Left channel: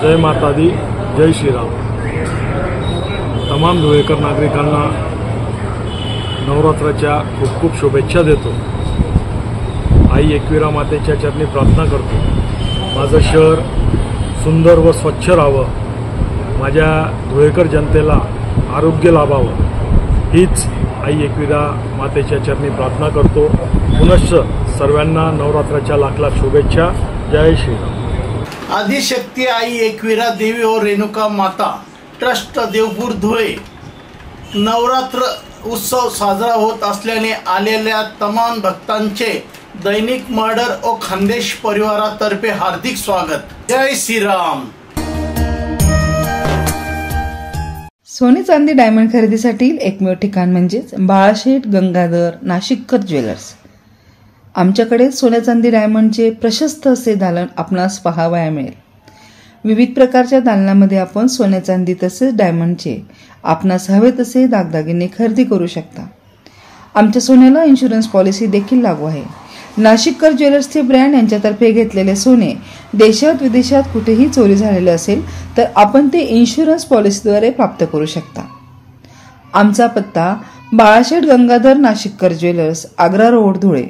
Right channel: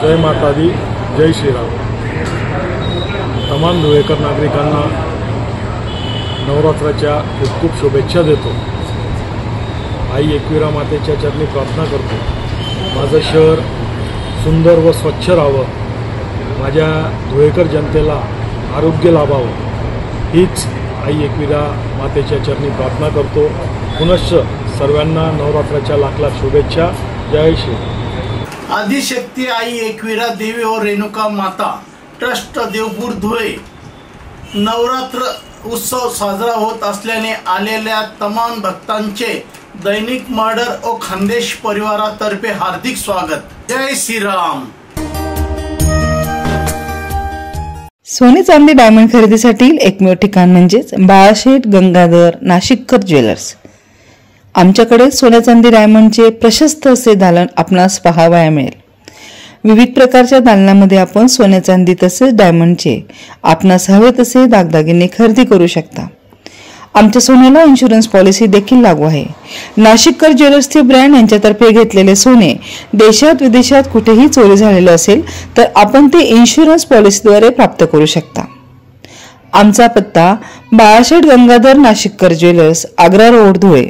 जय माता दी, जय श्रीराम। तमाम धुळेकर नागरिकांना नवरात्राच्या खूप खूप शुभेच्छा देतो। आई एकविरा मातेच्या चरणी प्रार्थना करतो, माझं शहर सुंदर व स्वच्छ राहावं, माझ्या धुळेकर जनतेला आरोग्य लाभावं, हीच आई एकविरा मातेच्या चरणी प्रार्थना करतो। पुनश्च सर्वांना नवरात्राच्या लाख लाख शुभेच्छा। जय श्रीराम। आदिशक्ती आई एकविरा देवी और रेणुका माता ट्रस्ट देवपूर धुळे नवरात्र उत्सव साजरा होत असल्याने आलेल्या तमाम भक्तांचे दैनिक मर्डर और खानदेश परिवारातर्फे हार्दिक स्वागत। जय श्रीराम। सोने चांदी डायमंड खरेदीसाठी एकमेव ठिकाण म्हणजेच बाळाशेठ गंगाधर नाशिककर ज्वेलर्स। आमच्याकडे सोने चांदी डायमंडचे प्रशस्त असे दालन आपणास पाहावयास मिळेल। विविध प्रकारच्या दालनामध्ये आपण सोने चांदी तसेच डायमंडचे आपणास हवे तसे दागदागिने खरेदी करू शकता। आमच्या सोन्याला इन्शुरन्स पॉलिसी देखील लागू आहे। नाशिककर ज्वेलर्सचे ब्रँड यांच्यातर्फे घेतलेले सोने देशात विदेशात कुठेही चोरी झालेले असेल तर आपण ते इन्शुरन्स पॉलिसीद्वारे प्राप्त करू शकता। आमचा पत्ता बाळाशेठ गंगाधर नाशिककर ज्वेलर्स, आग्रा रोड, धुळे।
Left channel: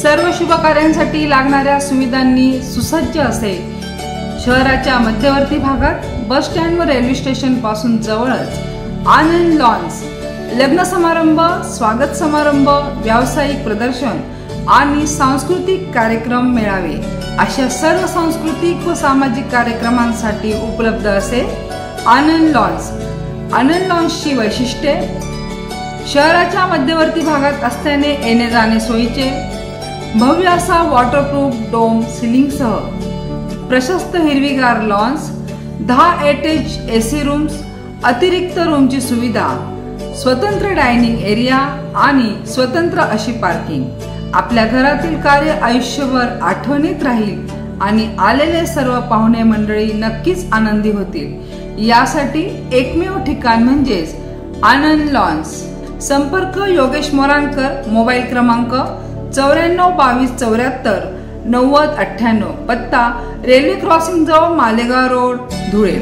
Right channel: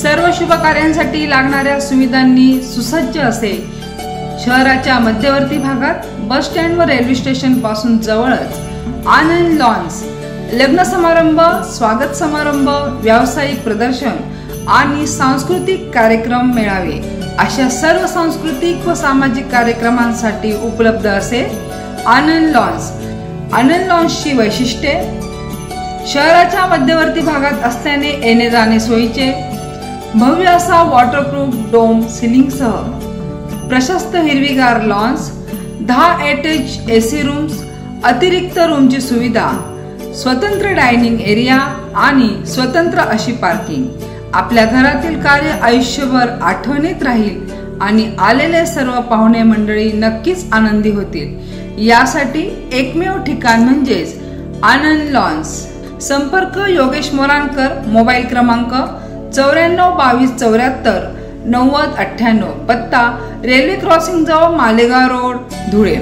सर्व शुभ कार्यांसाठी लागणाऱ्या सुविधांनी सुसज्ज असे शहराच्या मध्यवर्ती भागात बस स्टँड व रेल्वे स्टेशन पासून जवळच आनंद लॉन्स लग्न समारंभ, स्वागत समारंभ, व्यावसायिक प्रदर्शन आणि सांस्कृतिक कार्यक्रम मेळावे अशा सर्व सांस्कृतिक व सामाजिक कार्यक्रमांसाठी उपलब्ध असे आनंद लॉन्स। आनंद लॉन्सची वैशिष्ट्ये शहराच्या मध्यवर्ती भागात असल्याने येणे जाणे सोयीचे, भव्य असा वॉटरप्रूफ डोम सिलिंगसह प्रशस्त हिरवीगार लॉन्स, 10 अटॅच एसी रूम्स, अतिरिक्त रूमची सुविधा, स्वतंत्र डायनिंग एरिया आणि स्वतंत्र अशी पार्किंग। आपल्या घरातील कार्य आयुष्यभर आठवणीत राहील आणि आलेले सर्व पाहुणे मंडळी नक्कीच आनंदी होतील। यासाठी एकमेव ठिकाण म्हणजेच आनंद लॉन्स। संपर्क योगेश मोराणकर, मोबाईल क्रमांक 94 22 74 90 98, पत्ता रेल्वे क्रॉसिंग जवळ Malegaon road, Dhule.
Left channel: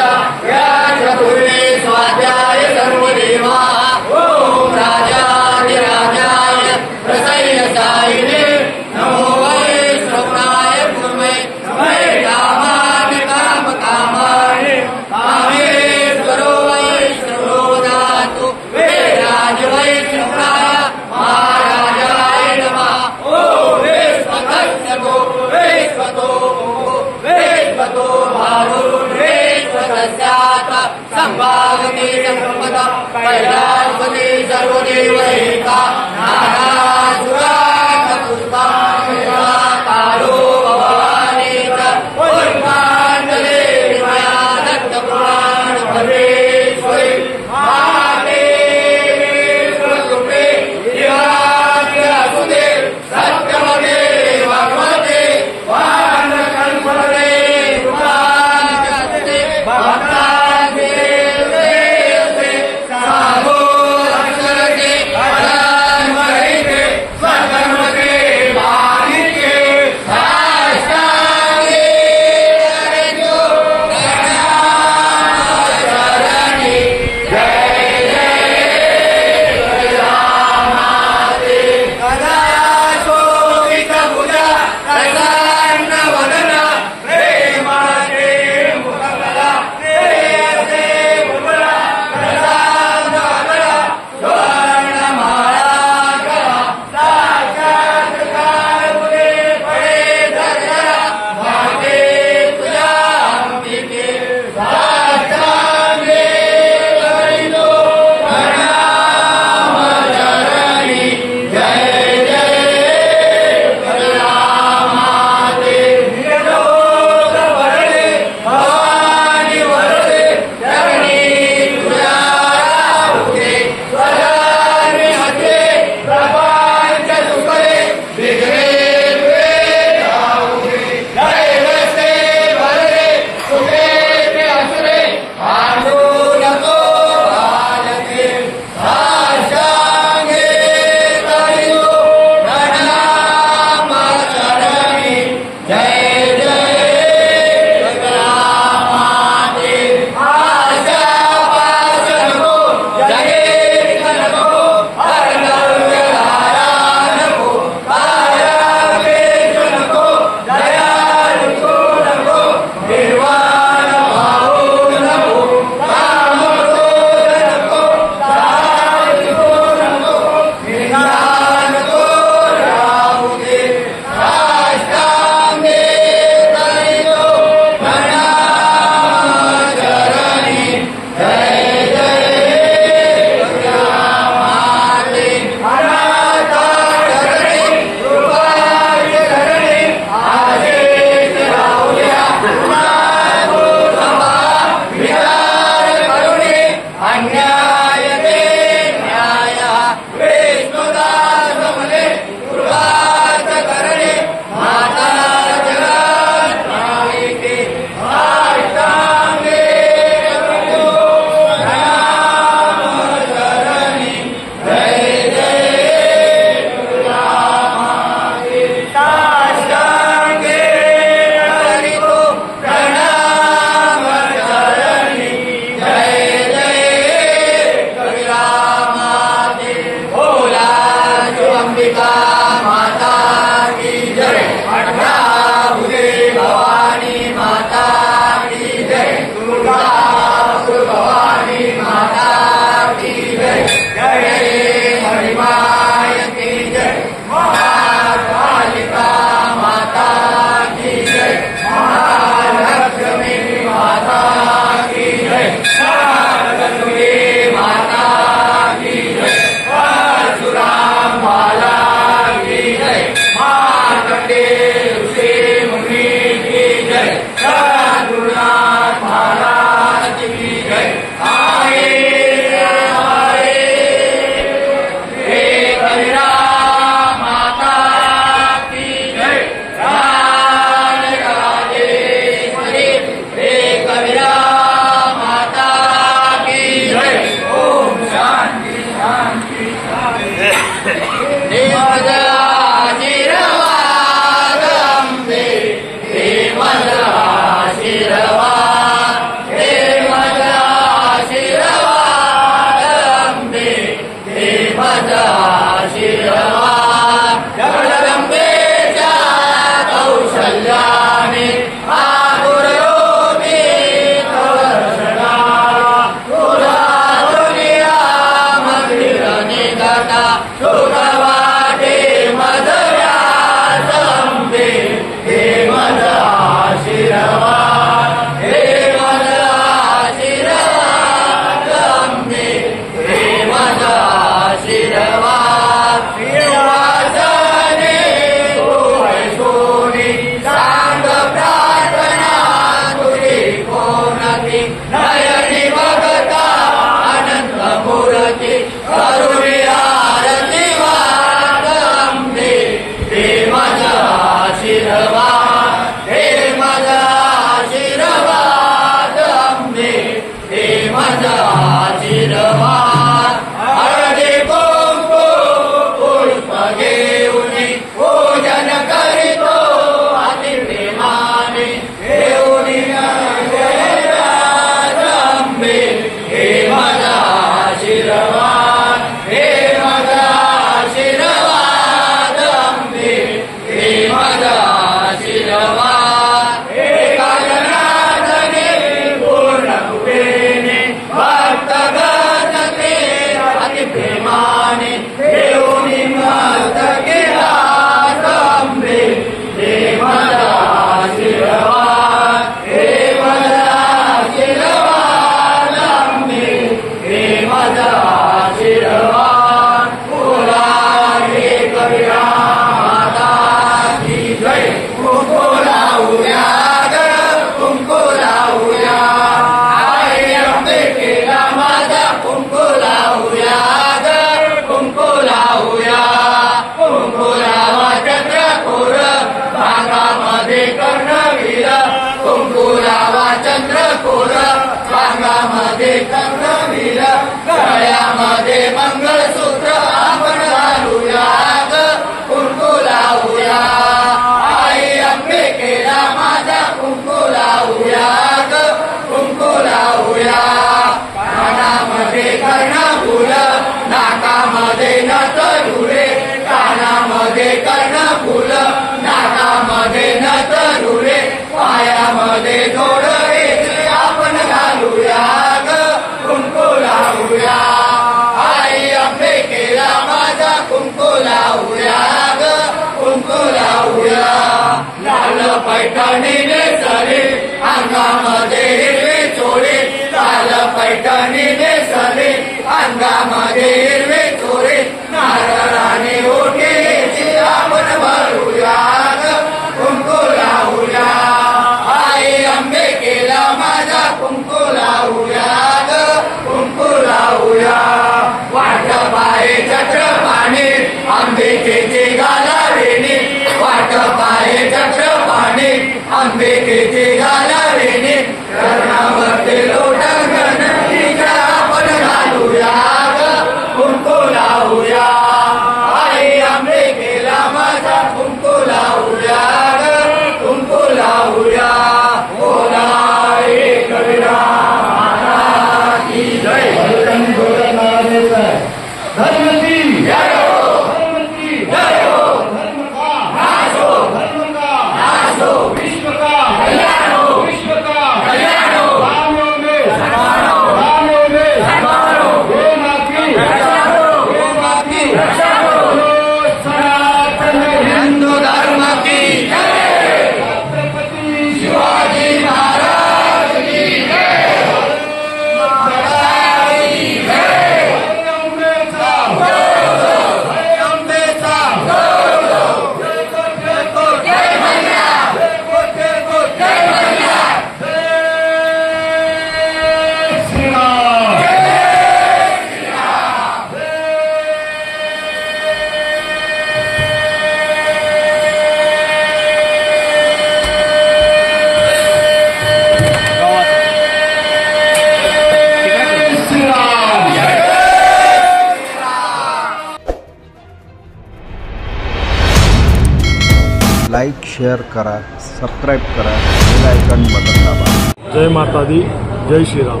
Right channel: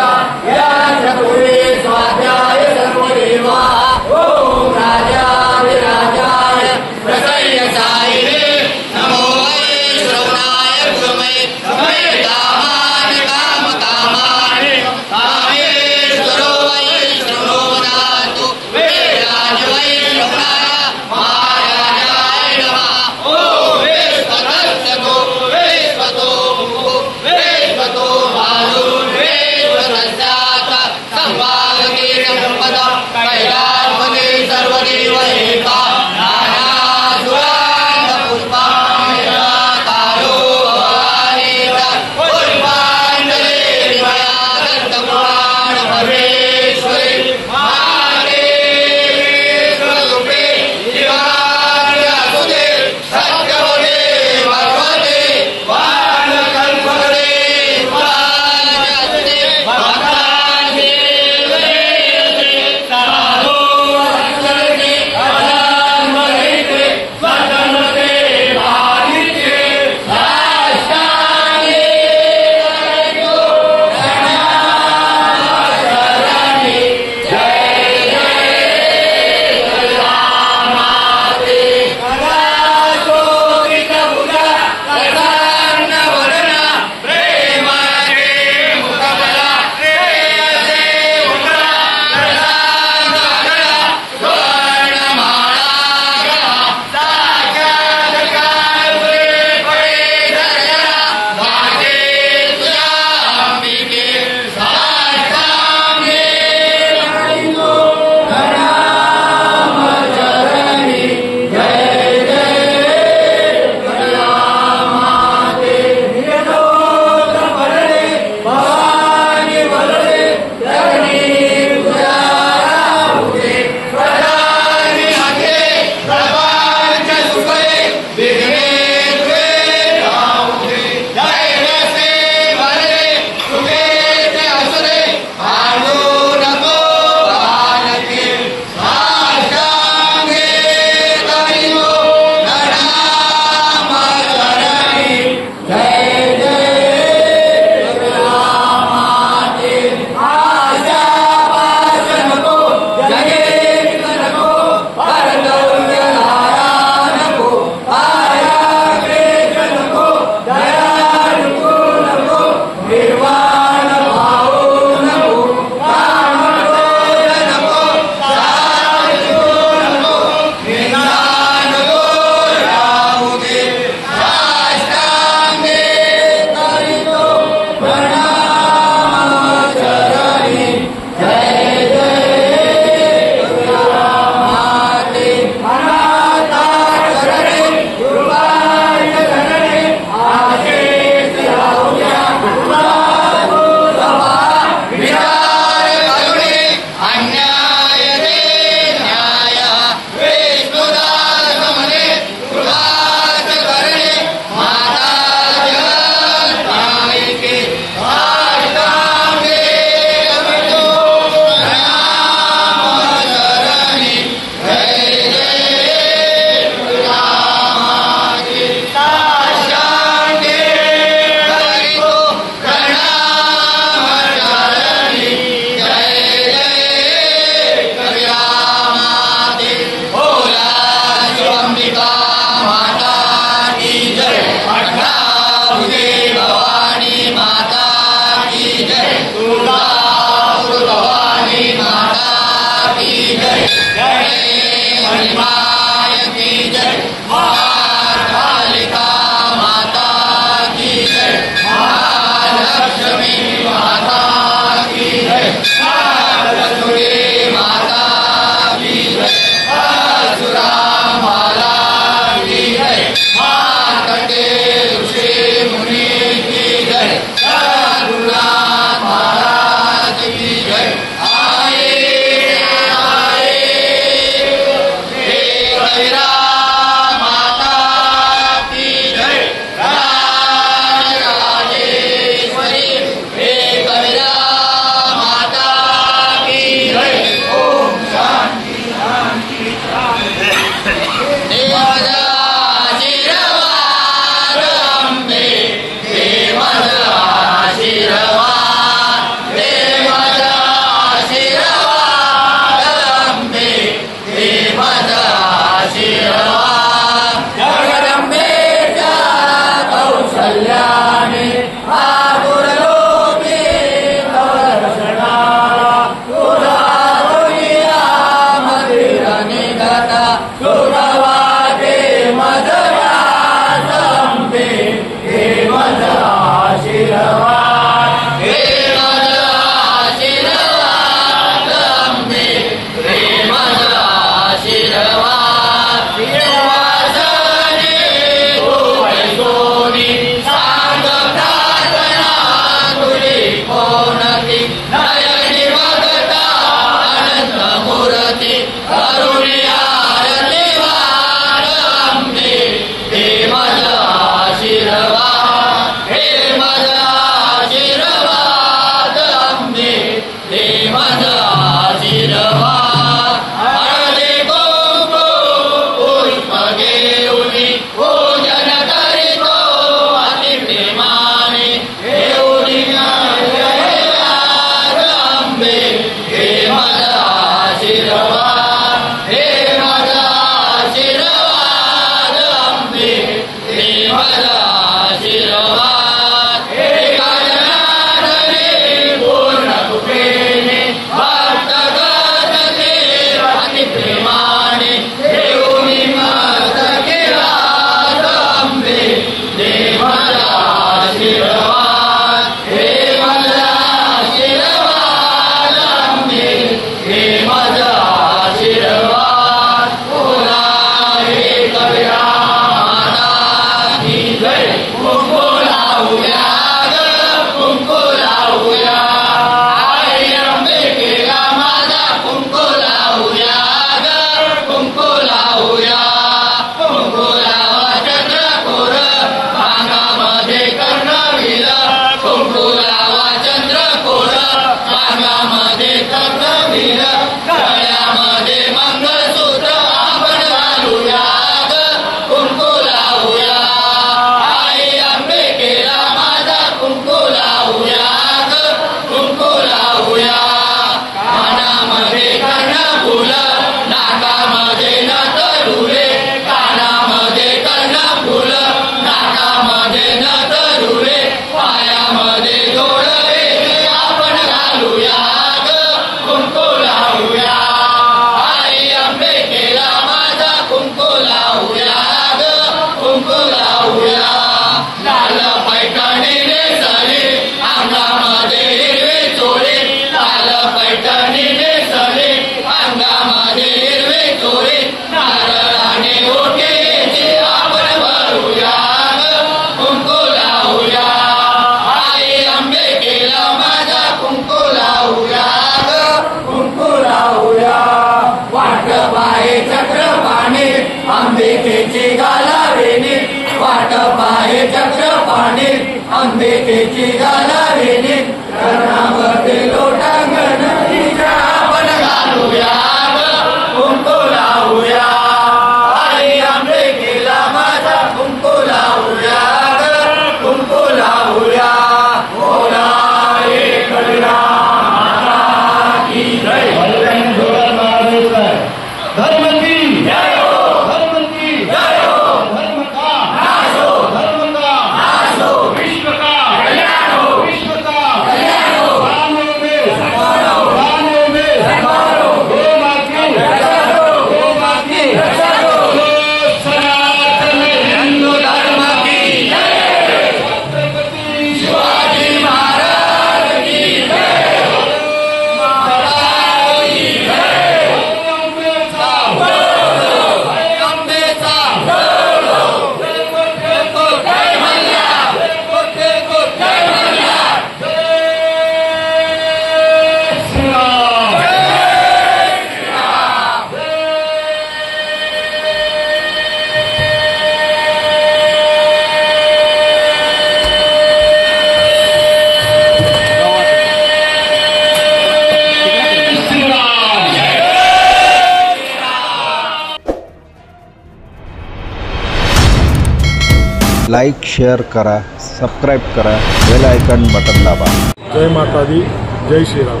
Like share करा, सबस्क्राईब करा, बेल आयकॉन बटन दाबा. जय माता दी, जय श्रीराम.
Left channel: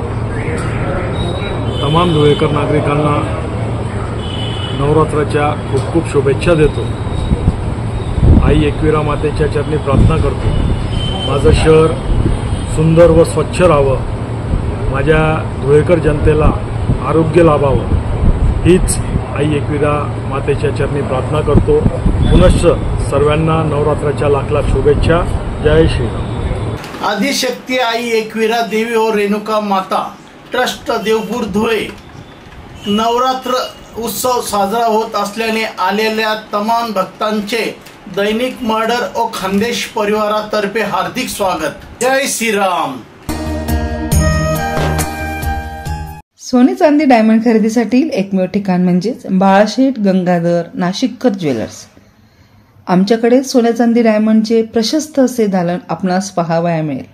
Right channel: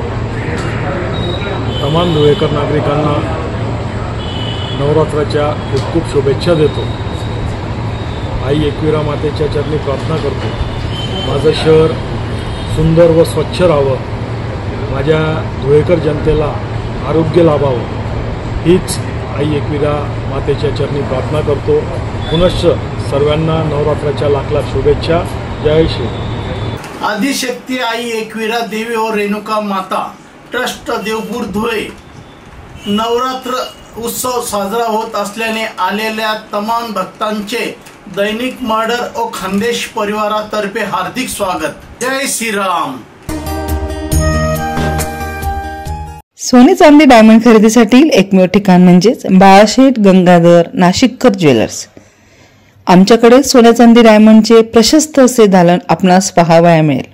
तमाम धुळेकर नागरिकांना नवरात्राच्या खूप खूप शुभेच्छा देतो. आई एकविरा मातेच्या चरणी प्रार्थना करतो माझं शहर सुंदर व स्वच्छ राहावं, माझ्या धुळेकर जनतेला आरोग्य लाभावं, हीच आई एकविरा मातेच्या चरणी प्रार्थना करतो. पुनश्च सर्वांना नवरात्राच्या लाख लाख शुभेच्छा. जय श्रीराम. आदिशक्ती आई एकविरा देवी और रेणुका माता ट्रस्ट देवपूर धुळे नवरात्र उत्सव साजरा होत असल्याने आलेल्या तमाम भक्तांचे दैनिक मर्डर और खानदेश परिवारातर्फे हार्दिक स्वागत. जय श्रीराम. सोने चांदी डायमंड खरेदीसाठी एकमेव ठिकाण म्हणजेच बाळाशेठ गंगाधर नाशिककर ज्वेलर्स. आमच्याकडे सोने चांदी डायमंडचे प्रशस्त असे दालन आपणास पाहावया मिळेल.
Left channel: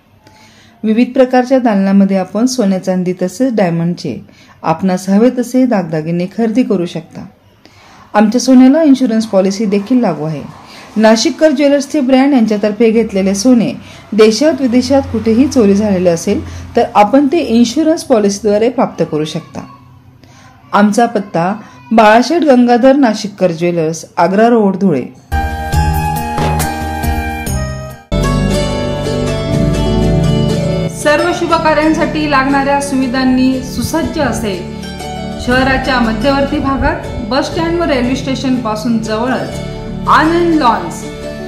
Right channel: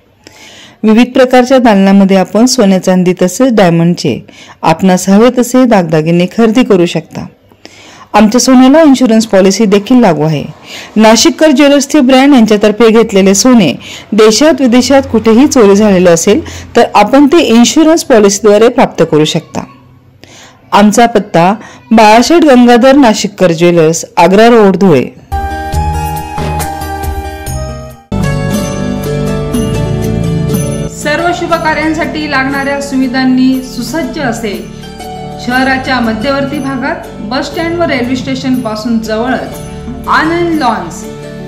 विविध प्रकारच्या दालनामध्ये आपण सोने चांदी तसेच डायमंडचे आपणास हवे तसे दागदागिने खरेदी करू शकता. आमच्या सोन्याला इन्शुरन्स पॉलिसी देखील लागू आहे. नाशिककर ज्वेलर्सचे ब्रँड यांच्यातर्फे घेतलेले सोने देशात विदेशात कुठेही चोरी झालेले असेल तर आपण ते इन्शुरन्स पॉलिसीद्वारे प्राप्त करू शकता. आमचा पत्ता बाळाशेठ गंगाधर नाशिककर ज्वेलर्स, आग्रा रोड, धुळे. सर्व शुभ कार्यांसाठी लागणाऱ्या सुविधांनी सुसज्ज असे शहराच्या मध्यवर्ती भागात बस स्टँड व रेल्वे स्टेशन पासून जवळच आनंद लॉन्स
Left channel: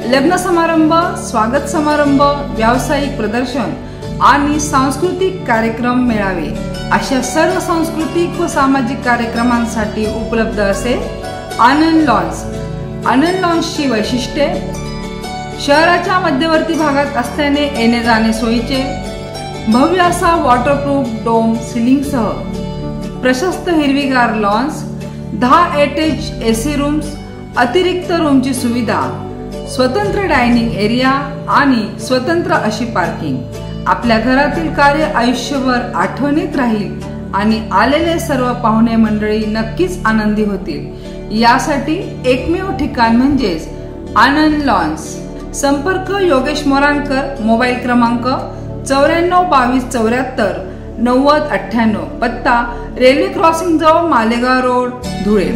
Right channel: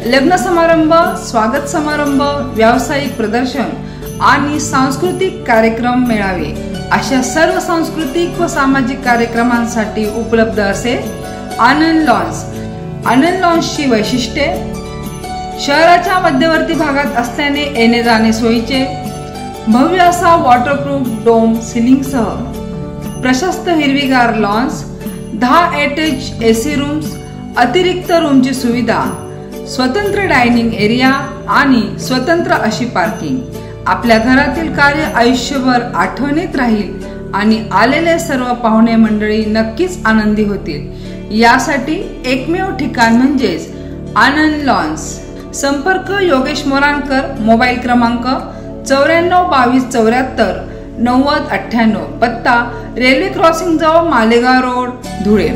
लग्न समारंभ, स्वागत समारंभ, व्यावसायिक प्रदर्शन आणि सांस्कृतिक कार्यक्रम मेळावे अशा सर्व सांस्कृतिक व सामाजिक कार्यक्रमांसाठी उपलब्ध असे आनंद लॉन्स. आनंद लॉन्सची वैशिष्ट्ये: शहराच्या मध्यवर्ती भागात असल्याने येणे जाणे सोयीचे, भव्य असा वॉटरप्रूफ डोम सिलिंगसह प्रशस्त हिरवीगार लॉन्स, 10 अटॅच एसी रूम्स, अतिरिक्त रूमची सुविधा, स्वतंत्र डायनिंग एरिया आणि स्वतंत्र अशी पार्किंग. आपल्या घरातील कार्य आयुष्यभर आठवणीत राहील आणि आलेले सर्व पाहुणे मंडळी नक्कीच आनंदी होतील. यासाठी एकमेव ठिकाण म्हणजेच आनंद लॉन्स. संपर्क योगेश मोराणकर, मोबाईल क्रमांक 942274 9098, पत्ता रेल्वे क्रॉसिंग जवळ मालेगाव रोड, धुळे.